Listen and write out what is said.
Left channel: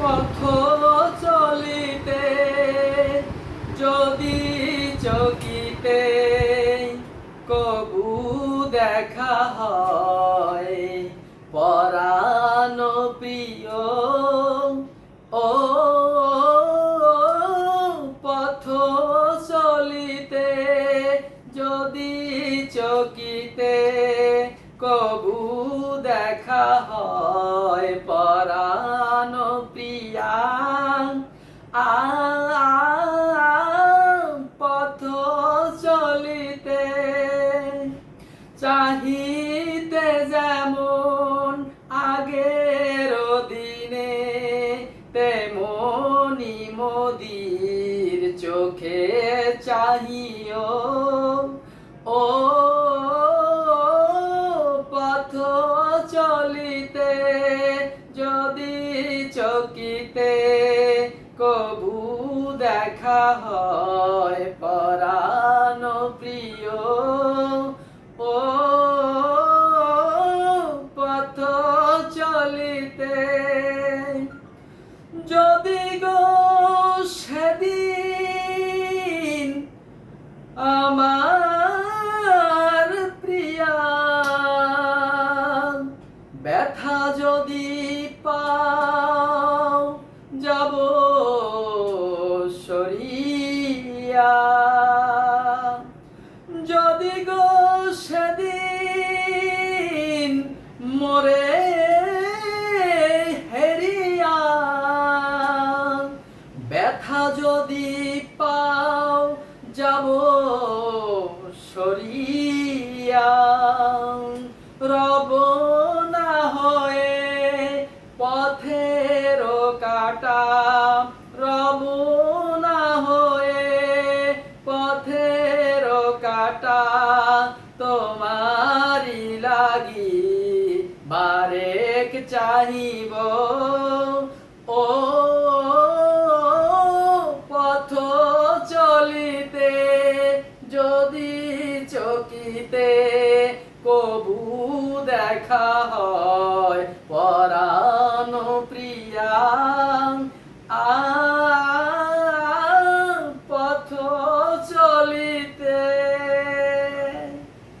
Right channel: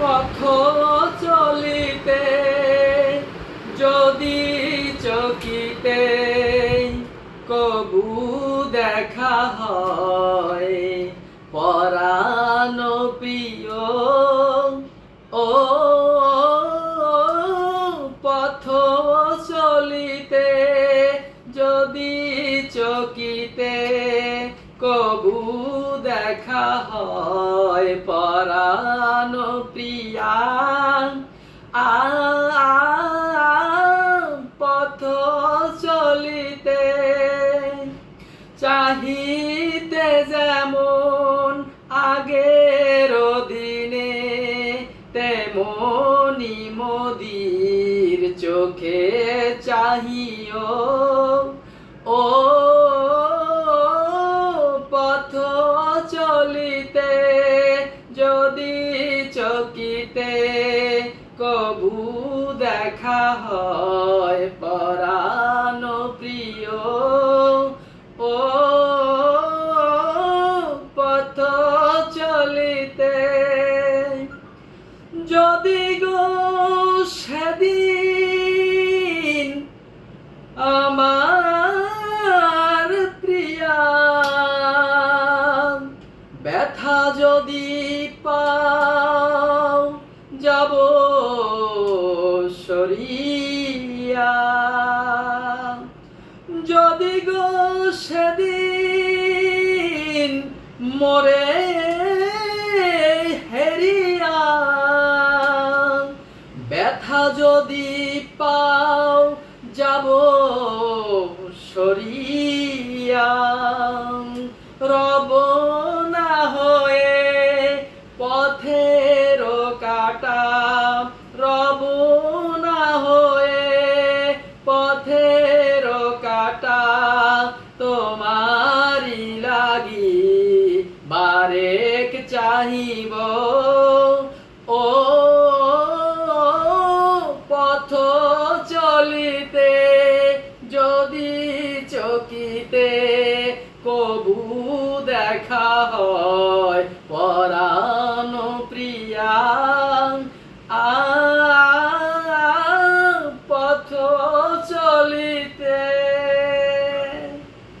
পথ চলিতে যদি চকিতে কবু দেখা হয় পরাণ প্রিয় ও পথ চলিতে যদি চকিতে কবু দেখা হয় পরাণ প্রিয়া পথ চলিতে চাহিতে যেমন আগের দিনে তেমনি মোদির চোখে চাহিও ও পথ চলিতে যদি চকিতে কবু দেখা হয় পরাণ প্রিয় ও পথ চলিতে যদি গো সেদিন আমার প্রিয়া ব্যথা যদি পাও যাব সরিয়া যদি গো সেদিন মোরে হেরিয়া ব্যথা যদি পাও যাব সরিয়া রব না হয়ে পথের কাটা রব না হয়ে পথের কাটা তোমারি লাগি বারেক চাহিব ও পথ চলিতে যদি চকিতে কবু দেখা হয়